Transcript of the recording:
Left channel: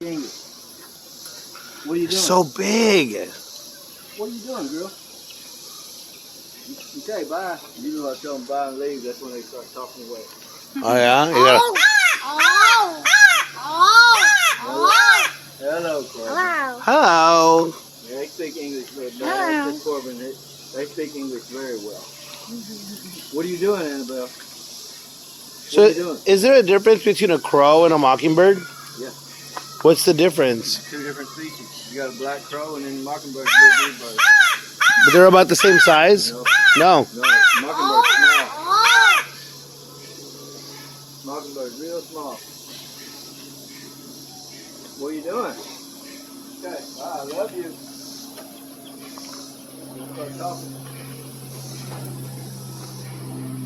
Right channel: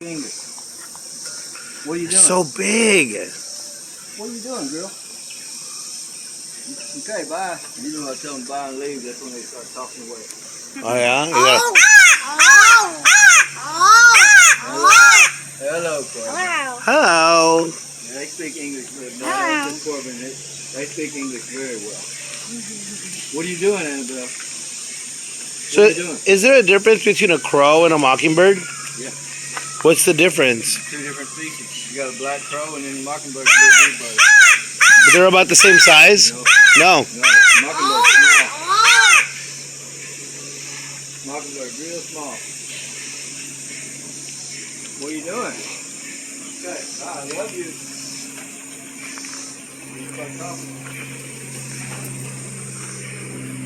English. What are you doing? So big. What are you doing, girl? Okay, bye. You know I tell them bye and leave. That's when they start talking away. Oh yeah. You gotta... Hello, Corbin. Hello. Yeah, they speak English very well. That's Corbin. They speak English very well. What are you doing, Annabelle? So, What are you doing? is there a difference between a crow and a mockingbird? Yeah. What's the difference? Two different species. You got a black crow and then mockingbird's a little bitty bird. But they're about the same size? No. No. Mockingbird's small. Mockingbird's real small. What are you doing? Okay, I love you. You start talking.